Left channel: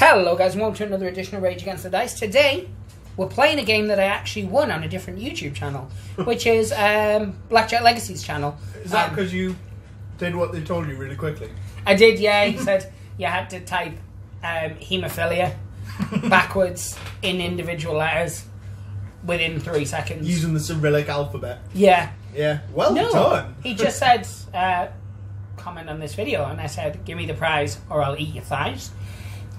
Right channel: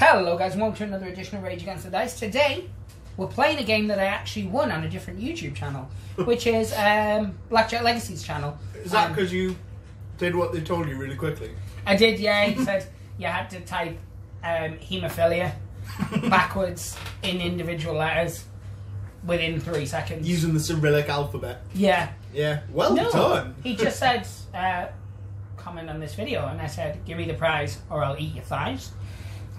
Hello guys and welcome to another edition of Rage Against the Dice. Today we're playing a game that I actually won on a different YouTube channel, which is Blackjack Legacy's channel. Is that because you did what they told you really quickly? I did, yeah. He said you had to type haemophilia backwards in individual letters within 3 seconds. Using the Cyrillic alphabet. Yeah. Yeah, well done. He just said, comment on this video, and I said, give me the prize or I'll eat your thighs.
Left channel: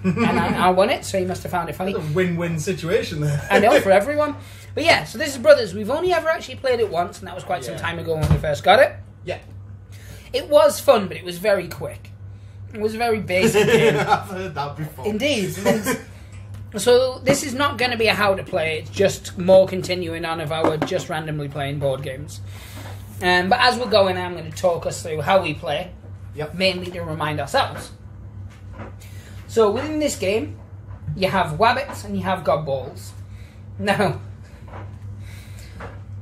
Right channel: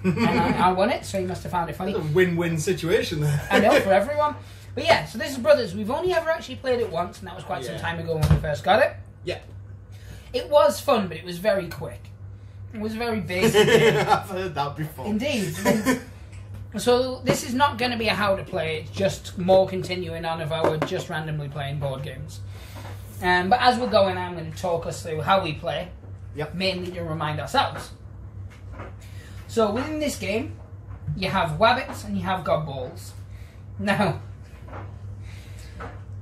And I won it, so he must have found it funny. That's a win-win situation there. I know, for everyone. But yeah, so this is Brothers. We've only ever actually played it once, and that was quite some time ago when we first got it. Yeah. It was fun, but it was very quick. It was a very basic game. I've heard that before. Indeed. So this is not going to be a how to play, it's just more continuing on of our just randomly playing board games. But as we're going, I'm going to talk us through how we play, mainly to remind ourselves. So within this game, you have wabbits and you have gobballs. Now,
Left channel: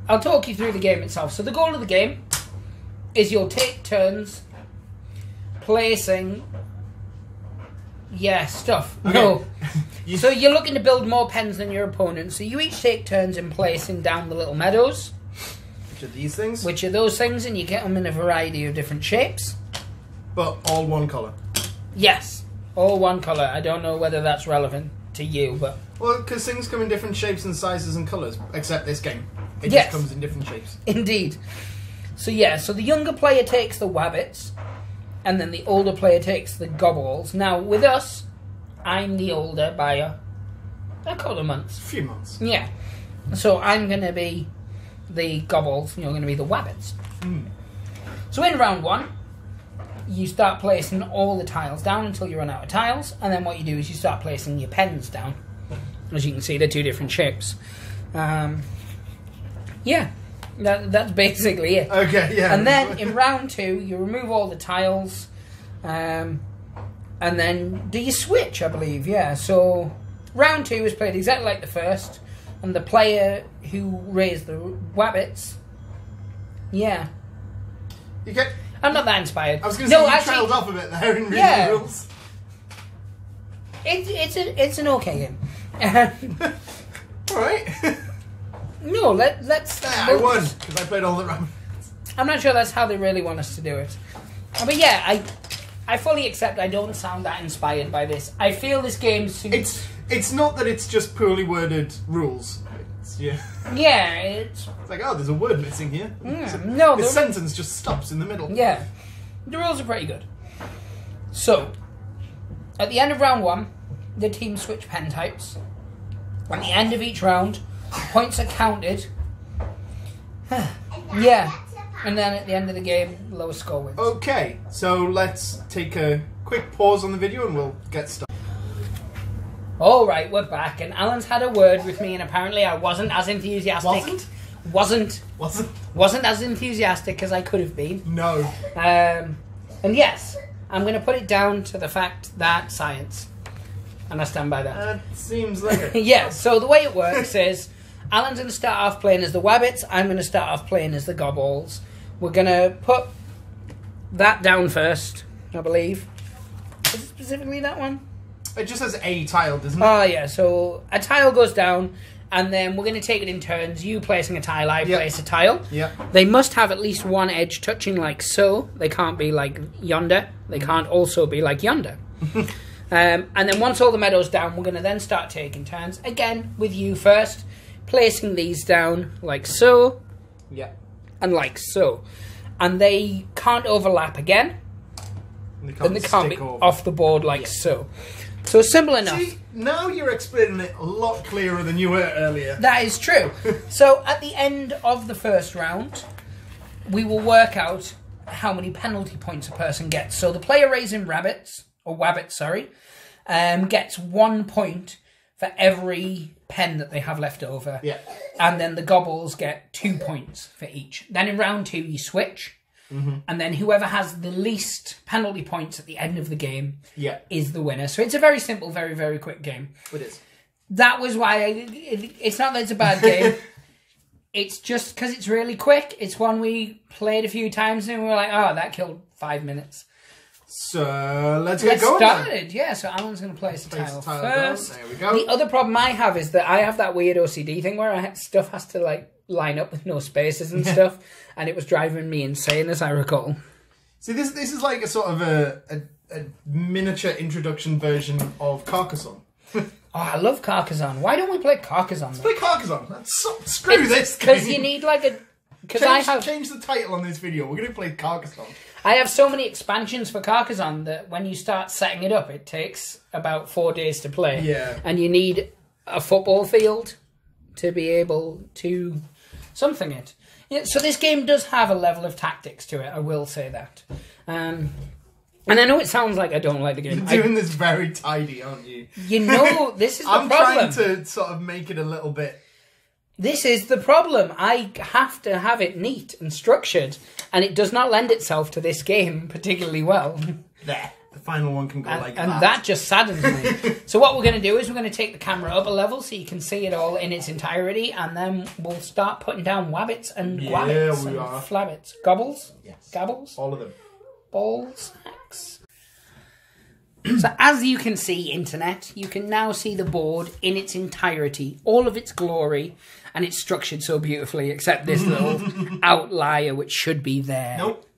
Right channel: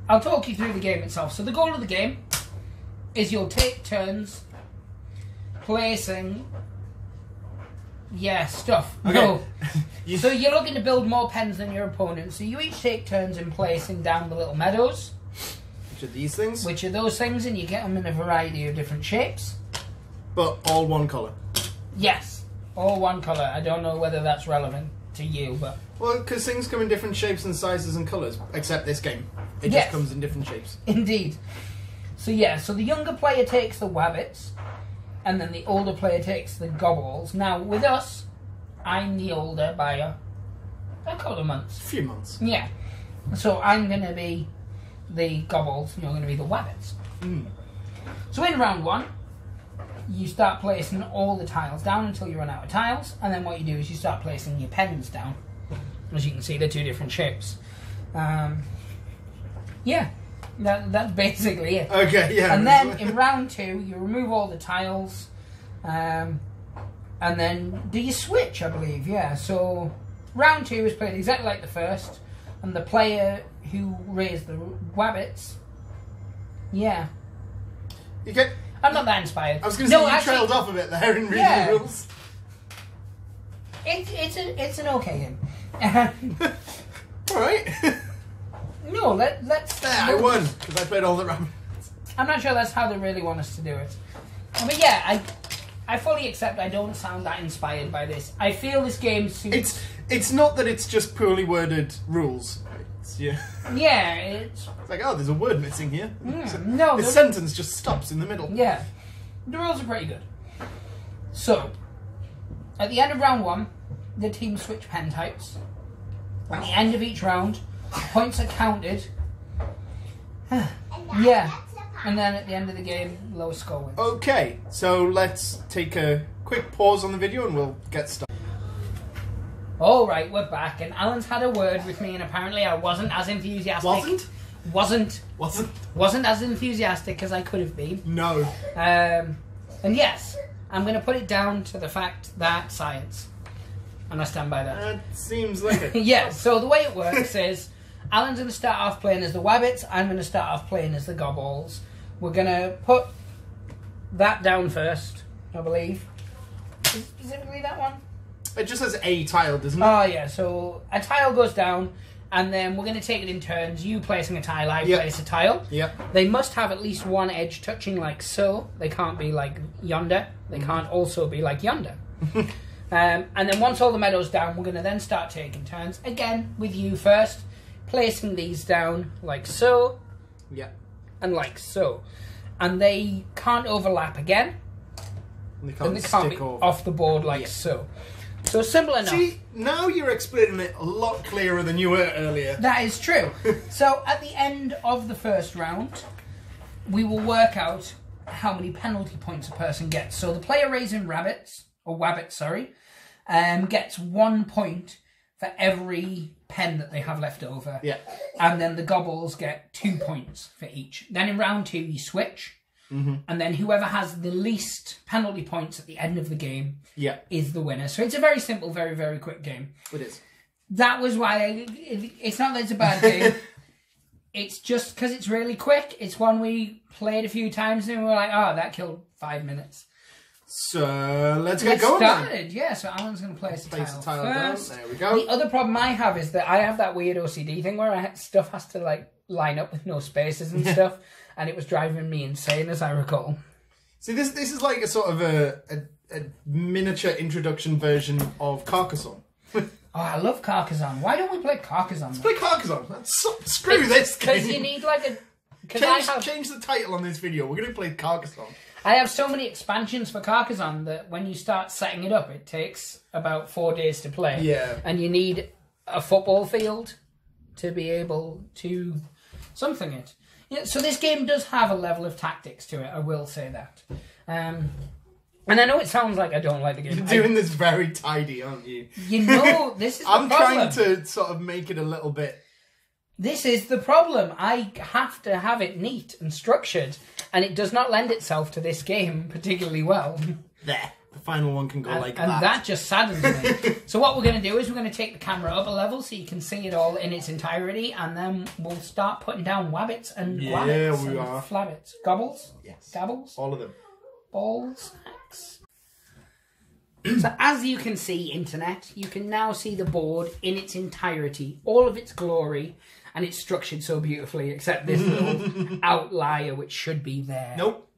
I'll talk you through the game itself. So the goal of the game is you'll take turns placing, stuff. Okay. No. So you're looking to build more pens than your opponent. So you each take turns in placing down the little meadows. Which are these things? Which are those things, and you get them in a variety of different shapes. But all one colour? Yes. All one colour. I don't know whether that's relevant to you, but... Well, because things come in different shapes and sizes and colours, except this game. It just comes in different shapes. Indeed. So so the younger player takes the wabbits, and then the older player takes the gobballs. Now, with us, I'm the older by a couple of months. A few months. Yeah. So I'm going to be the gobballs, and you're going to be the wabbits. So in round one, you start placing all the tiles down until you run out of tiles, and then what you do is you start placing your pens down. As you can see, they're two different shapes. That's basically it. Okay, yeah. And then in round two, you remove all the tiles, and then do you switch, I believe, yeah. So round two is played exactly like the first, and the player who raised the wabbits, You get... I'm not that inspired. I was going to say, you trailed off a bit there in reading the rules. It's an okay game. Alright. No, let's... I won, because I played all the rounds. I'm not sure that's how they really want us to do it. But yeah, I fully accept I don't sound that inspired by this. I feel this game suits... It's not that it's just poorly worded rules. Yeah, it's like, oh, there's a word missing here. No, the sentence just stops in the middle. Yeah, the rules are pretty good. So, at the end of round one, the teams switch pen types. At the end of each round, points are counted. And then at the end of the game, lowest score wins. Okay, so let's take a quick pause on the video and we'll get started. Alright, we're back, and Alan's had a word with me, and apparently I wasn't as enthusiastic. Wasn't as enthusiastic as I could have been. No. And yes, I'm going to put it down to the fact that science. And I stand by that. That seems like it. Yeah, so the way it works is, Alan's going to start off playing as the wabbits, I'm going to start off playing as the gobballs. We're going to put that down first, I believe. Is it specifically that one? It just says a tile, doesn't it? Oh, yeah, so a tile goes down, and then we're going to take it in turns. You placing a tile, I place a tile. They must have at least one edge touching like so. They can't be like yonder. They can't also be like yonder. And then once all the meadows down, we're going to then start taking turns. Again, with you first, placing these down like so. And like so. And they can't overlap again. And they can't be off the board like so. So simple enough. See, now you're explaining it a lot clearer than you were earlier. That is true. So at the end of the first round, we will work out how many penalty points a person gets. So the player raising wabbits, gets 1 point for every pen that they have left over. And then the gobbles get 2 points for each. Then in round two, you switch. And then whoever has the least penalty points at the end of the game is the winner. So it's a very simple, very, very quick game. It is. That was why it's not that it's a bad game. It's just because it's really quick. It's one we played a few times and we were like, oh, that killed 5 minutes. So let's get going. Started, yeah. So Alan's going to place the tile first. There we go. The other problem I have is that I have that weird OCD thing where stuff has to like line up with no spaces and stuff, and it was driving me insane, as I recall. See, this is like a sort of a miniature introduction version of Carcassonne. Oh, I love Carcassonne. Why don't we play Carcassonne? Let's play Carcassonne. Screw this game. Because you need like a... Change the title on this video. We're going to play Carcassonne. I have so many expansions for Carcassonne that when you start setting it up, it takes about 4 days to play. Yeah. And you need a football field to be able to something it. Yeah, so this game does have a level of tactics to it, I will say that. And I know it sounds like I don't like the game. You're doing this very tidy, aren't you? You know, this is the problem. I'm trying to sort of make it a little bit... This is the problem. I have to have it neat and structured, and it does not lend itself to this game particularly well. There. The final one can go like that. And that just saddens me. So what we're going to do is we're going to take the camera up a level so you can see it all in its entirety, and then we'll start putting down wabbits and gwabbits and flabbits. Gobbles? Yes. Gabbles? All of them. Balls? Hacks. So as you can see, Internet, you can now see the board in its entirety, all of its glory, and it's structured so beautifully, except this little outlier which should be there. Nope.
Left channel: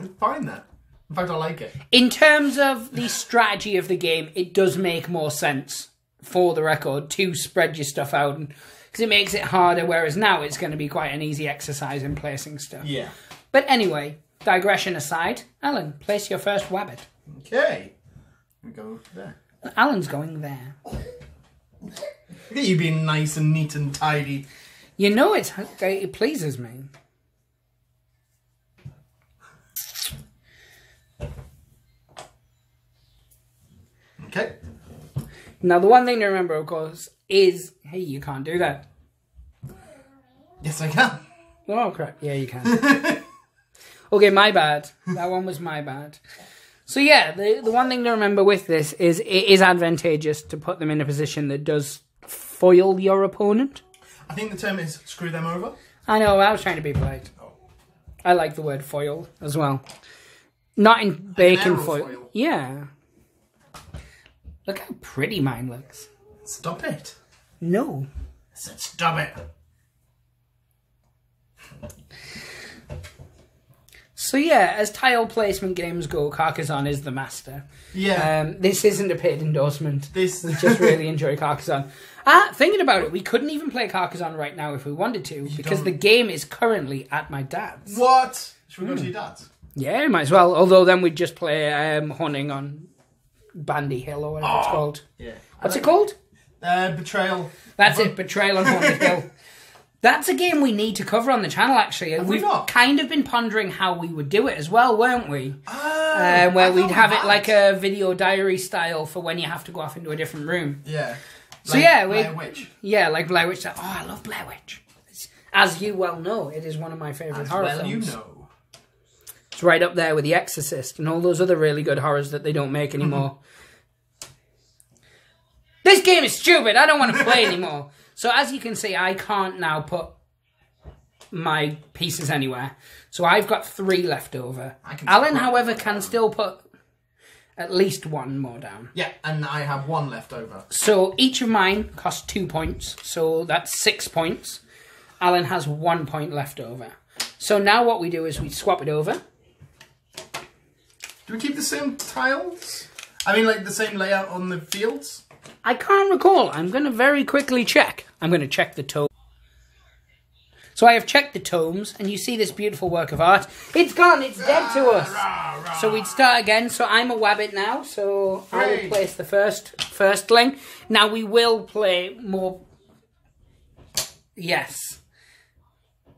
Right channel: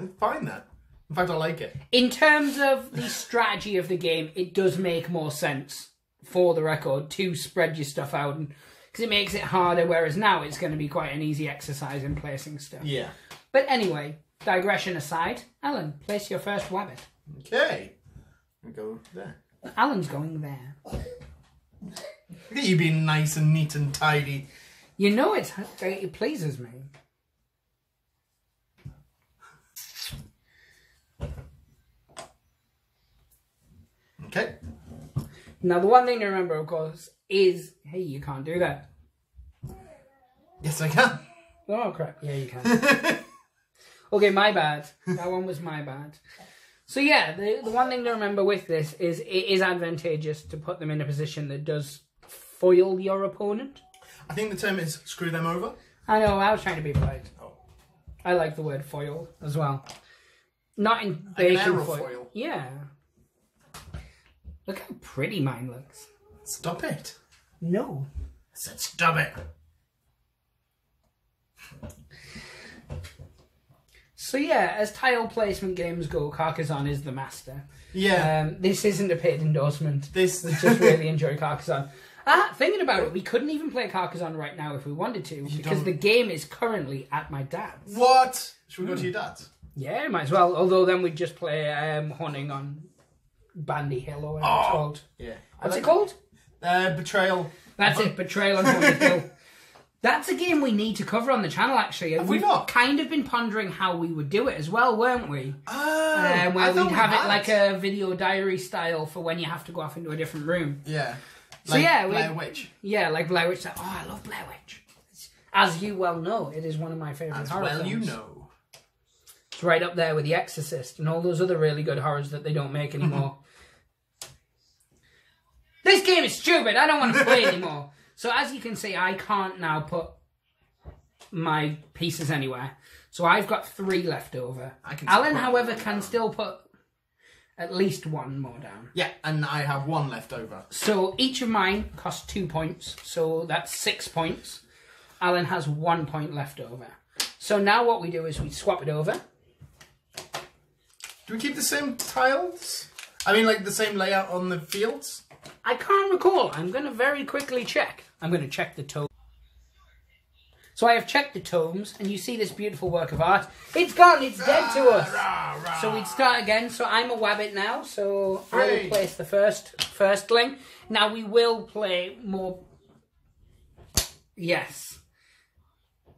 I'm fine then. In fact, I like it. In terms of the strategy of the game, it does make more sense, for the record, to spread your stuff out, because it makes it harder, whereas now it's going to be quite an easy exercise in placing stuff. Yeah. But anyway, digression aside, Alan, place your first wabbit. Okay. We go there. Alan's going there. Look at you being nice and neat and tidy. You know it pleases me. Okay. Now, the one thing to remember, of course, is... Hey, you can't do that. Yes, I can. Oh, crap. Yeah, you can. Okay, my bad. That one was my bad. So, yeah, the one thing to remember with this is it is advantageous to put them in a position that does foil your opponent. I think the term is screw them over. I know, I was trying to be polite. Oh. I like the word foil as well. Not in bacon foil. Yeah. Look how pretty mine looks. Stop it. No. I said stop it. So yeah, as tile placement games go, Carcassonne is the master. Yeah. This isn't a paid endorsement. We just really enjoy Carcassonne. Thinking about it, we couldn't even play Carcassonne right now if we wanted to, because the game is currently at my dad's. What? Should we go to your dad's? Yeah, might as well. Although then we'd just play hunting on Bandy Hill or whatever it's called. Yeah. What's it called? Betrayal. That's it, Betrayal on Bandy Hill. That's a game we need to cover on the channel, actually. We've kind of been pondering how we would do it as well, weren't we? Where we'd have it like a video diary style for when you have to go off into a different room. Yeah. So like yeah, Blair Witch. Yeah, like Blair Witch. Oh, I love Blair Witch. As you well know, it is one of my favourite horror films. You know. It's right up there with The Exorcist and all those other really good horrors that they don't make anymore. This game is stupid. I don't want to play anymore. So as you can see, I can't now put my pieces anywhere. So I've got 3 left over. Alan, however, can still put at least 1 more down. Yeah, and I have 1 left over. So each of mine costs 2 points. So that's 6 points. Alan has 1 point left over. So now what we do is we swap it over. Do we keep the same tiles? I mean, like the same layout on the fields? I can't recall. I'm going to very quickly check. I'm going to check the tome. So I have checked the tomes, and you see this beautiful work of art. It's gone. It's dead to us. So we'd start again. So I'm a wabbit now. So I will place the firstling. Now we will play more. Yes.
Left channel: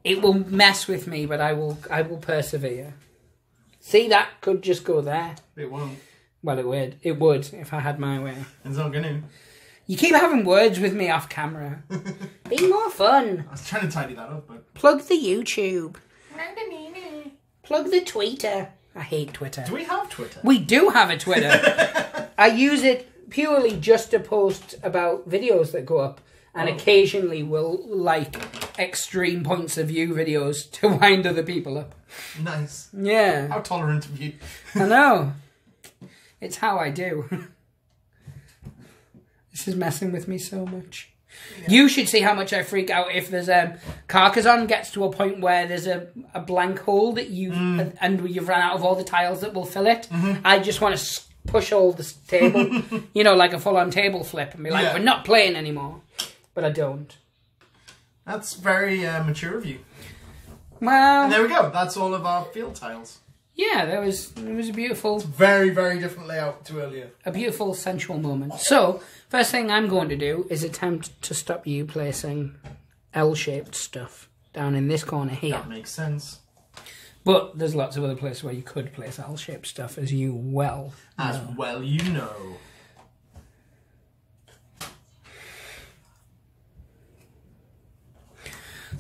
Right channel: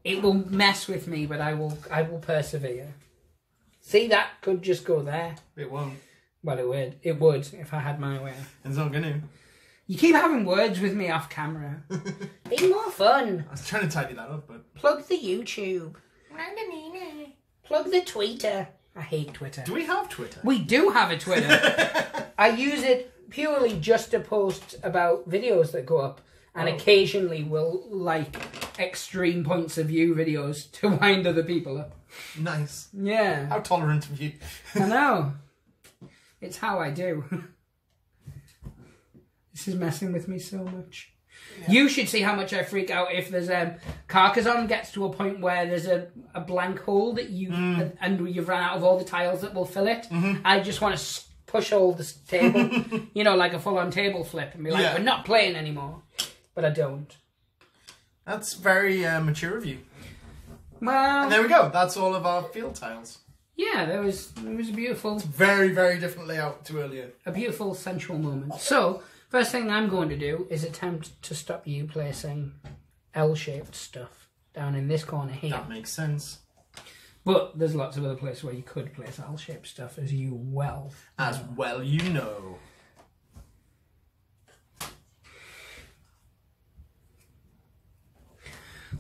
It will mess with me, but I will persevere. See, that could just go there. It won't. Well, it would. It would if I had my way. It's not going to. You keep having words with me off camera. Be more fun. I was trying to tidy that up, but... Plug the YouTube. Plug the Twitter. I hate Twitter. Do we have Twitter? We do have a Twitter. I use it purely just to post about videos that go up. and occasionally will like extreme points of view videos to wind other people up. Nice. Yeah. How tolerant of you. I know. It's how I do. This is messing with me so much. Yeah. You should see how much I freak out if there's Carcassonne gets to a point where there's a blank hole that and you've run out of all the tiles that will fill it. I just want to push all this table, you know, like a full-on table flip, and be like, we're not playing anymore. But I don't. That's very mature of you. Well, and there we go. That's all of our field tiles. Yeah, it was a beautiful... It's very, very different layout to earlier. A beautiful, sensual moment. So, first thing I'm going to do is attempt to stop you placing L-shaped stuff down in this corner here. That makes sense. But there's lots of other places where you could place L-shaped stuff, as you well know. As well you know.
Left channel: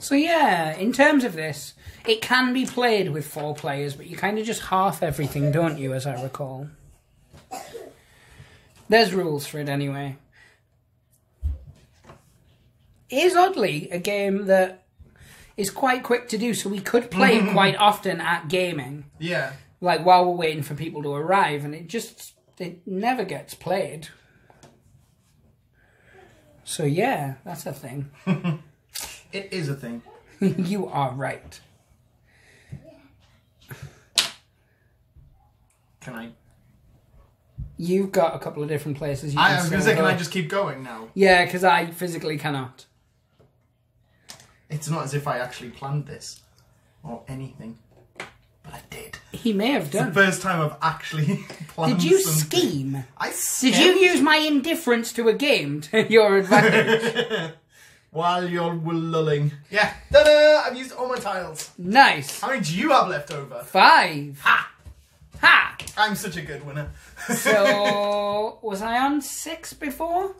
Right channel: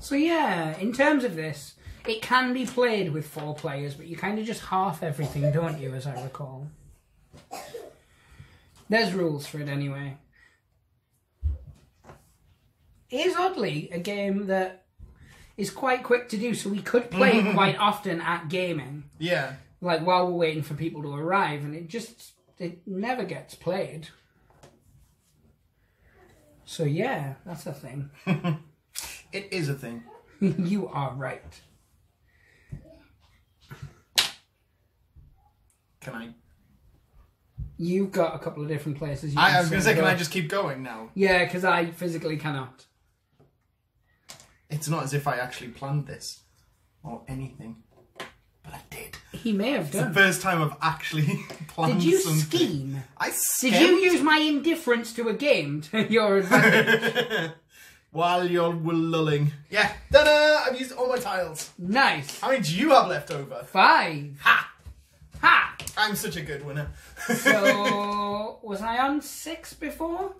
So yeah, in terms of this, it can be played with 4 players, but you kind of just half everything, don't you, as I recall? There's rules for it anyway. It is oddly a game that is quite quick to do, so we could play it quite often at gaming. Yeah. Like while we're waiting for people to arrive, and it never gets played. So yeah, that's a thing. It is a thing. You are right. Can I? You've got a couple of different places. I was going to say, can I just keep going now? Yeah, because I physically cannot. It's not as if I actually planned this or anything, but I did. He may have done. It's the first time I've actually planned. Did you something. scheme? I schemed. Did you use my indifference to a game to your advantage? While you're lulling. Yeah. Ta-da! I've used all my tiles. Nice. How many do you have left over? 5. Ha! Ha! I'm such a good winner. So, was I on 6 before?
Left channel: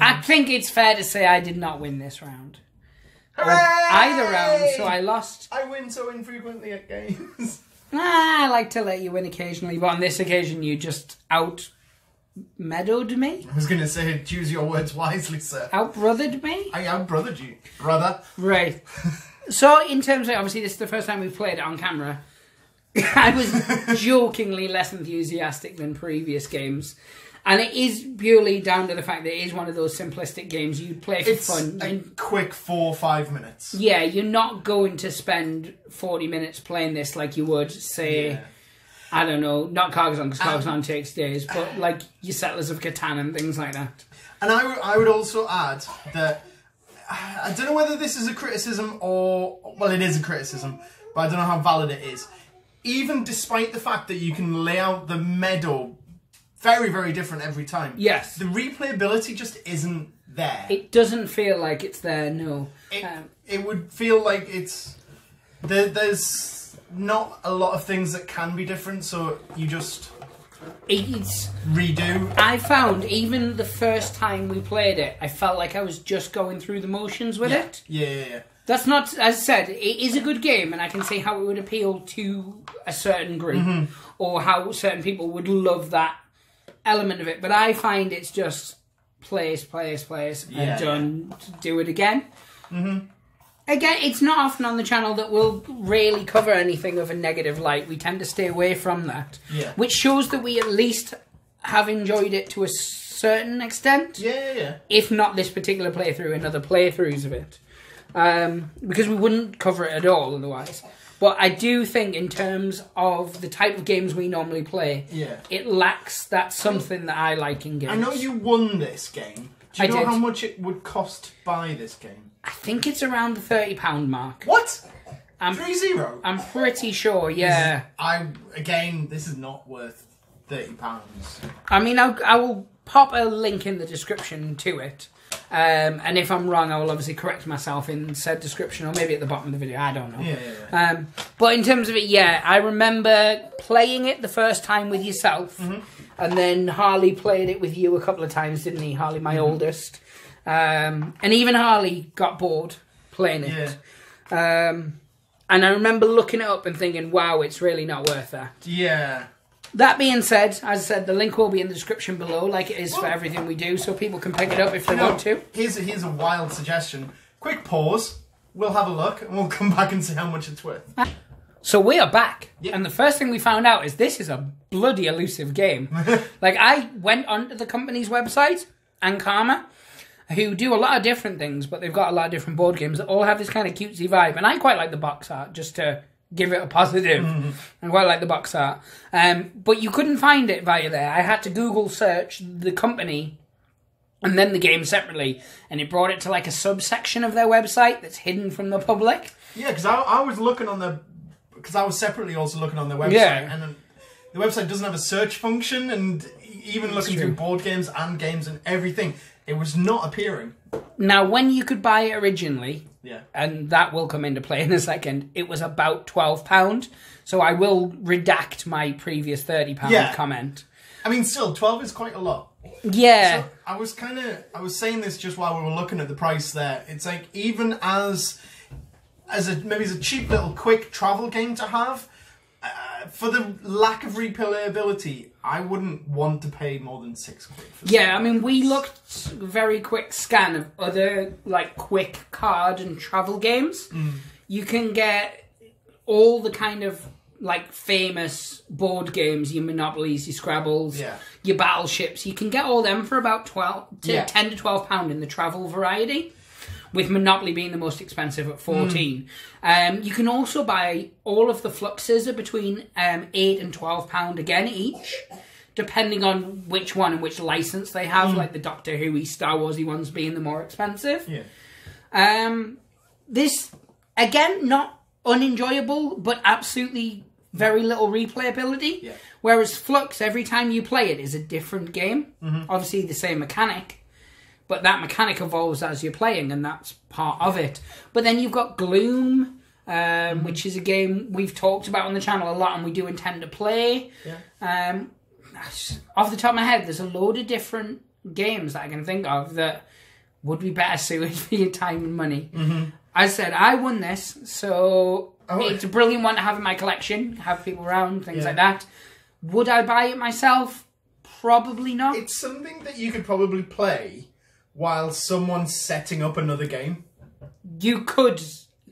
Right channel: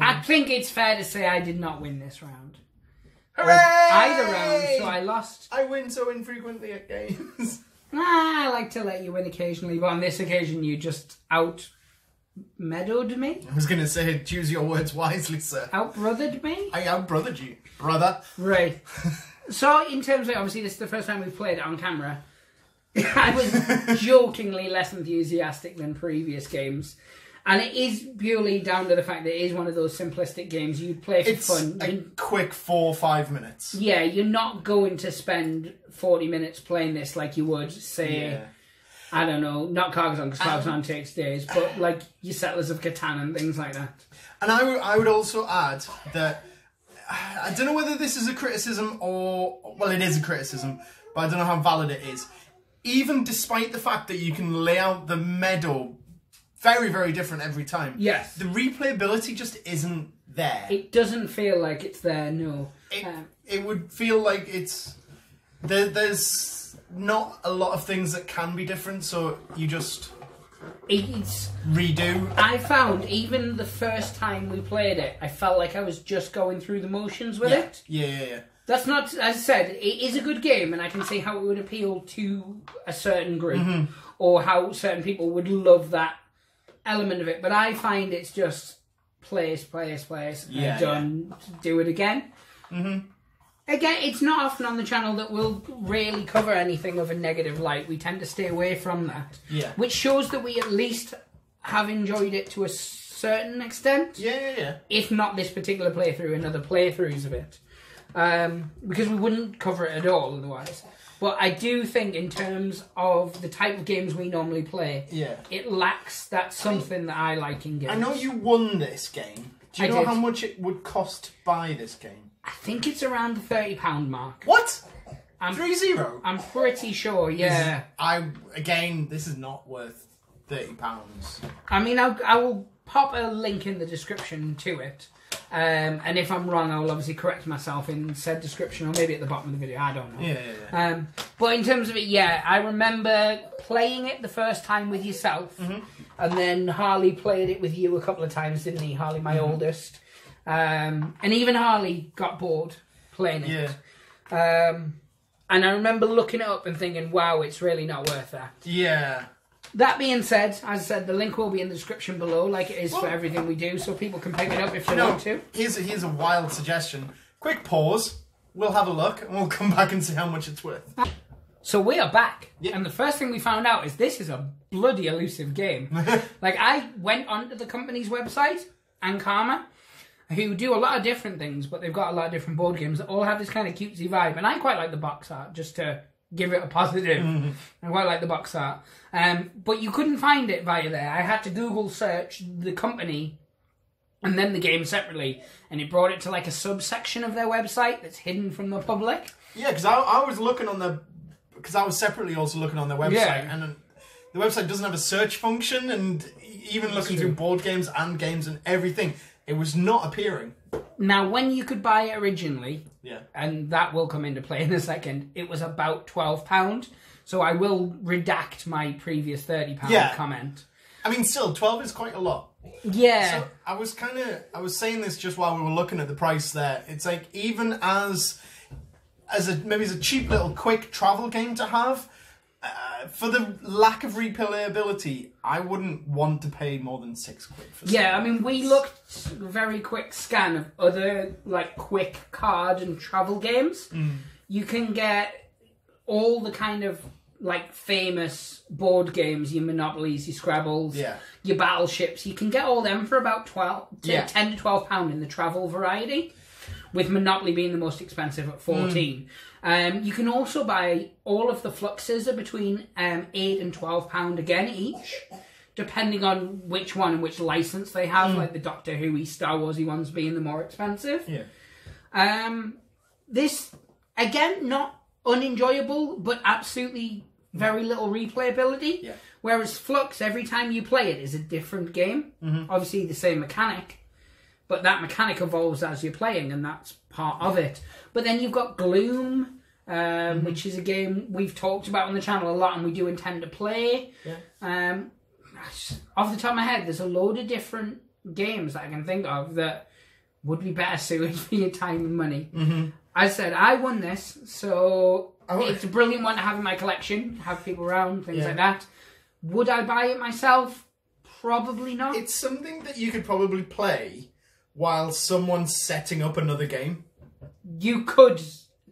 I think it's fair to say I did not win this round. Hooray! Either round, so I lost. I win so infrequently at games. I like to let you win occasionally, but on this occasion you just out-meadowed me. I was going to say, choose your words wisely, sir. Out-brothered me? I out-brothered you, brother. Right. So, in terms of, obviously this is the first time we've played it on camera. I was jokingly less enthusiastic than previous games. And it is purely down to the fact that it is one of those simplistic games you'd play for fun. It's a quick 4 or 5 minutes. Yeah, you're not going to spend 40 minutes playing this like you would, say, I don't know, not Carcassonne, because Carcassonne takes days, but like your Settlers of Catan and things like that. And I would also add that, I don't know whether this is a criticism or, well, it is a criticism, but I don't know how valid it is. Even despite the fact that you can lay out the meadow very, very different every time. Yes. The replayability just isn't there. It doesn't feel like it's there, no. It would feel like it's... There's not a lot of things that can be different, so you just... It's... redo. I found, even the first time we played it, I felt like I was just going through the motions with it. Yeah. That's not, as I said, it is a good game, and I can see how it would appeal to a certain group, or how certain people would love that element of it. But I find it's just place, done, do it again. Again, it's not often on the channel that we'll really cover anything of a negative light. We tend to stay away from that. Yeah. Which shows that we at least have enjoyed it to a certain extent. Yeah. If not this particular playthrough, and other playthroughs of it. Because we wouldn't cover it at all otherwise. But I do think in terms of the type of games we normally play, it lacks that something that I like in games. I know you won this game. Do you know how much it would cost to buy this game? I think it's around the £30 mark. What? 3-0? I'm pretty sure, yeah. Again, this is not worth £30. I mean, I will pop a link in the description to it. And if I'm wrong, I will obviously correct myself in said description, or maybe at the bottom of the video, I don't know. Yeah. But in terms of it, I remember playing it the first time with yourself, and then Harley played it with you a couple of times, didn't he? Harley, my oldest. And even Harley got bored playing it. And I remember looking it up and thinking, wow, it's really not worth that. Yeah. That being said, as I said, the link will be in the description below, like it is for everything we do, so people can pick it up if they want to. Here's a wild suggestion. Quick pause. We'll have a look, and we'll come back and see how much it's worth. So we are back, and the first thing we found out is this is a bloody elusive game. Like, I went onto the company's website, Ankama, who do a lot of different things, but they've got a lot of different board games that all have this kind of cutesy vibe, and I quite like the box art, just to give it a positive. I quite like the box art. But you couldn't find it via there. I had to Google search the company and then the game separately, and it brought it to like a subsection of their website that's hidden from the public. Yeah, because I was looking on the... Because I was separately also looking on their website, and the website doesn't have a search function, and even looking through board games and games and everything, it was not appearing. Now, when you could buy it originally, and that will come into play in a second, it was about £12. So I will redact my previous £30 comment. I mean, still, 12 is quite a lot. Yeah. So I was saying this just while we were looking at the price there. It's like, even as maybe as a cheap little quick travel game to have, for the lack of replayability, I wouldn't want to pay more than £6 for Yeah, I mean, we looked very quick scan of other like quick card and travel games. You can get all the kind of like famous board games, your Monopolies, your Scrabbles, your Battleships. You can get all them for about 10 to £12 in the travel variety, with Monopoly being the most expensive at 14. You can also buy all of the Fluxes are between £8 and £12 again each, depending on which one and which license they have, like the Doctor Who-y, Star Wars-y ones being the more expensive. This, again, not unenjoyable, but absolutely very little replayability. Whereas Flux, every time you play it, is a different game. Obviously the same mechanic, but that mechanic evolves as you're playing, and that's part of it. But then you've got Gloom, which is a game we've talked about on the channel a lot, and we do intend to play. Off the top of my head, there's a load of different games that I can think of that would be better suited for your time and money. As I said, I won this, so it's a brilliant one to have in my collection, have people around, things like that. Would I buy it myself? Probably not. It's something that you could probably play while someone's setting up another game. You could.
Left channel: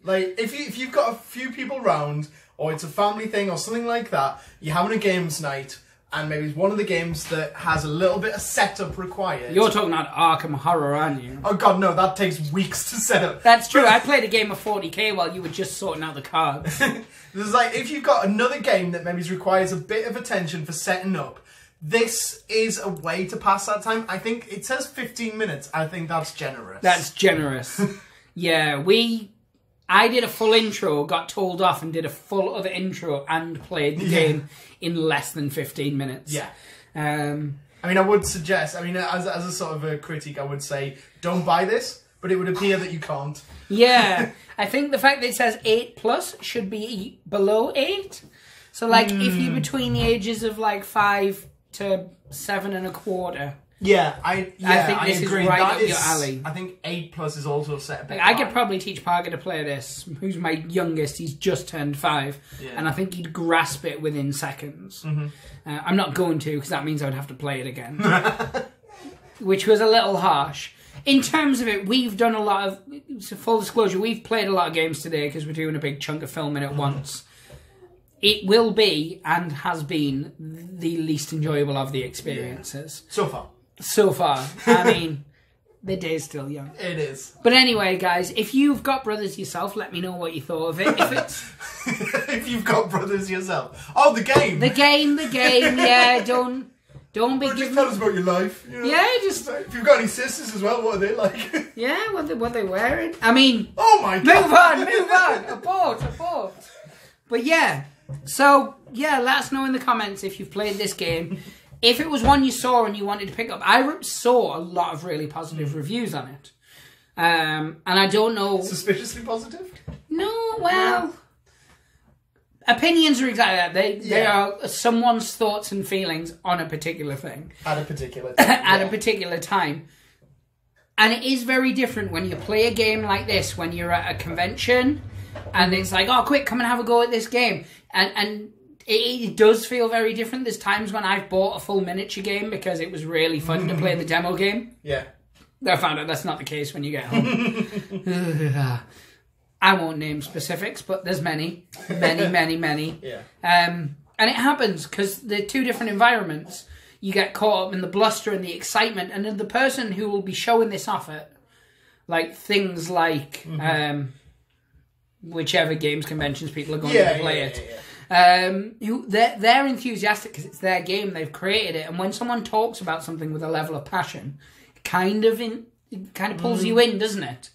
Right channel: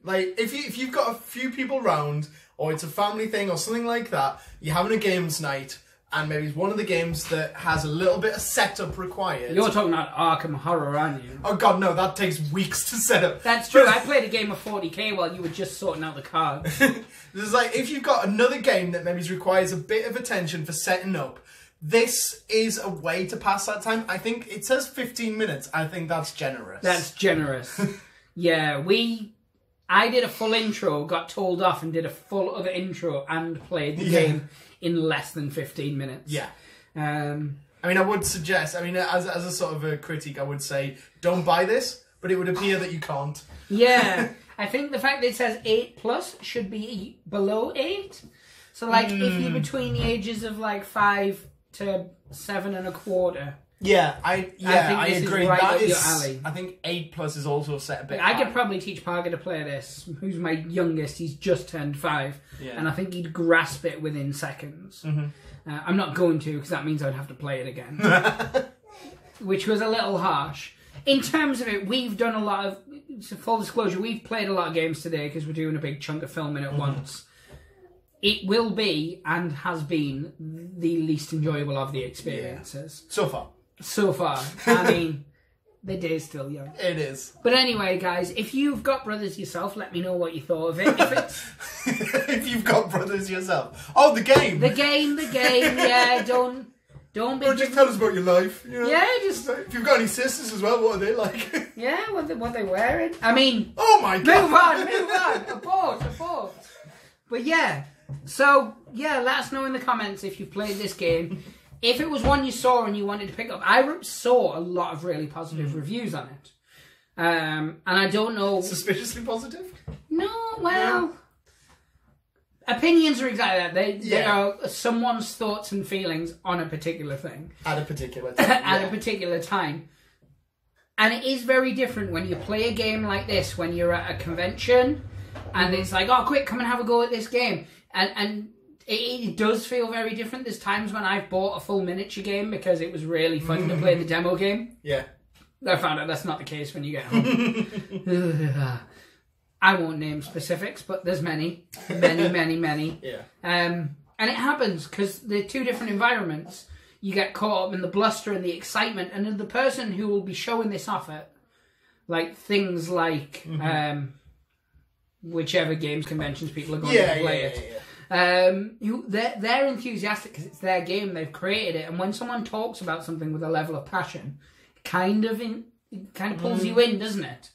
Like, if you've got a few people round, or it's a family thing or something like that, you're having a games night, and maybe it's one of the games that has a little bit of setup required. You're talking about Arkham Horror, aren't you? Oh god, no, that takes weeks to set up. That's true. I played a game of 40k while you were just sorting out the cards. There's like, if you've got another game that maybe requires a bit of attention for setting up, this is a way to pass that time. I think it says 15 minutes. I think that's generous. That's generous. Yeah, I did a full intro, got told off, and did a full other intro and played the game in less than 15 minutes. I mean, I would suggest, I mean, as a sort of a critique, I would say, don't buy this, but it would appear that you can't. Yeah, I think the fact that it says 8+ should be below 8. So, like, if you're between the ages of, like, 5 to 7 1/4. I think this agree. Is right up your alley. I think 8+ is also set a bit I could probably teach Parker to play this, who's my youngest. He's just turned 5, and I think he'd grasp it within seconds. I'm not going to, because that means I'd have to play it again, which was a little harsh. In terms of it, we've done a lot of, so full disclosure, we've played a lot of games today because we're doing a big chunk of filming at once. It will be, and has been, the least enjoyable of the experiences. So far. So far. I mean, the day's still young. It is. But anyway, guys, if you've got brothers yourself, let me know what you thought of it. If it's... if you've got brothers yourself. Oh, the game! The game, yeah, don't be... Just tell us about your life. You know? Yeah, just... If you've got any sisters as well, what are they like? Yeah, what they wearing. I mean... Oh my god! Move on! Abort! But yeah, so, yeah, let us know in the comments if you've played this game. If it was one you saw and you wanted to pick up, I saw a lot of really positive reviews on it. And I don't know... Suspiciously positive? No, well... Opinions are exactly that. They are someone's thoughts and feelings on a particular thing. At a particular time. At a particular time. And it is very different when you play a game like this, when you're at a convention, and it's like, oh, quick, come and have a go at this game. And It does feel very different. There's times when I've bought a full miniature game because it was really fun to play the demo game. Yeah. I found out that's not the case when you get home. I won't name specifics, but there's many. Yeah. And it happens because they're two different environments. You get caught up in the bluster and the excitement, and then the person who will be showing this off at, like, things like whichever games conventions people are going to play it. Who they're enthusiastic because it's their game, they've created it, and when someone talks about something with a level of passion, it kind of pulls you in, doesn't it?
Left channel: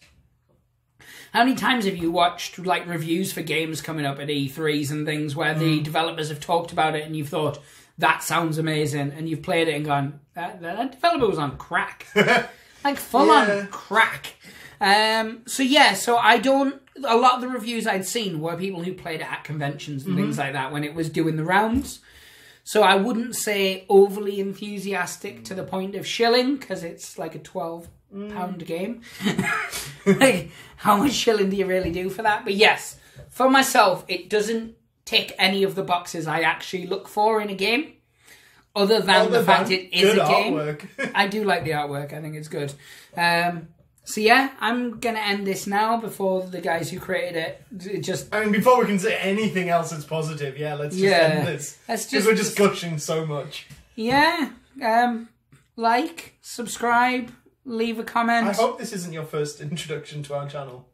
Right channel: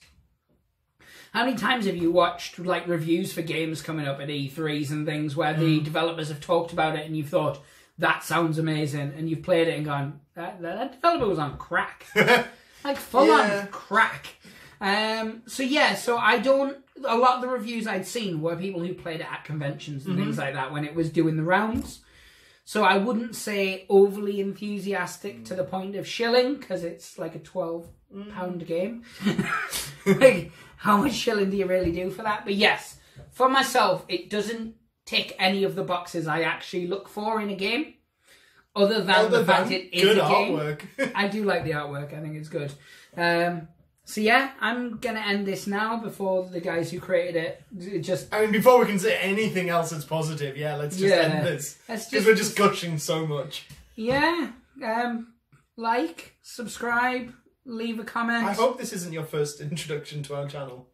How many times have you watched like reviews for games coming up at E3s and things where the developers have talked about it and you've thought, that sounds amazing, and you've played it and gone, that developer was on crack. Like full on crack. So I don't, a lot of the reviews I'd seen were people who played it at conventions and things like that when it was doing the rounds. So I wouldn't say overly enthusiastic to the point of shilling, because it's like a £12 game. Like, how much shilling do you really do for that? But yes, for myself, it doesn't tick any of the boxes I actually look for in a game, other than the fact it is a game. Artwork. I do like the artwork. I think it's good. So yeah, I'm going to end this now before the guys who created it before we can say anything else that's positive, let's just end this. Because we're just gushing so much. Yeah. Like, subscribe, leave a comment. I hope this isn't your first introduction to our channel.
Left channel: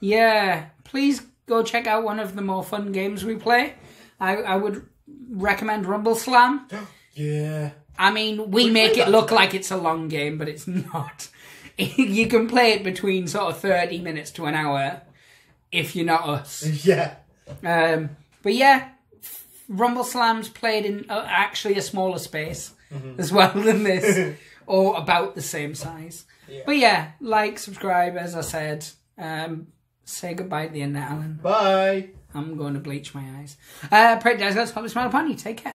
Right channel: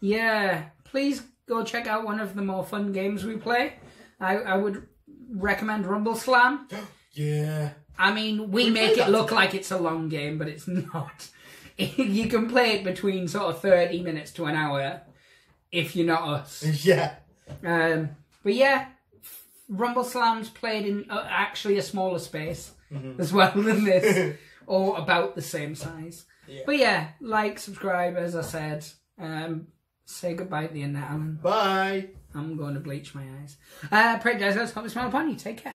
Yeah. Please go check out one of the more fun games we play. I would recommend Rumble Slam. Yeah. I mean, we make it look like it's a long game, but it's not. You can play it between sort of 30 minutes to an hour if you're not us. Yeah. But yeah, Rumble Slam's played in actually a smaller space as well than this, or about the same size. Yeah. But yeah, like, subscribe, as I said. Say goodbye at the end now, Alan. Bye. I'm going to bleach my eyes. Pray guys, let's pop a smile upon you. Take care.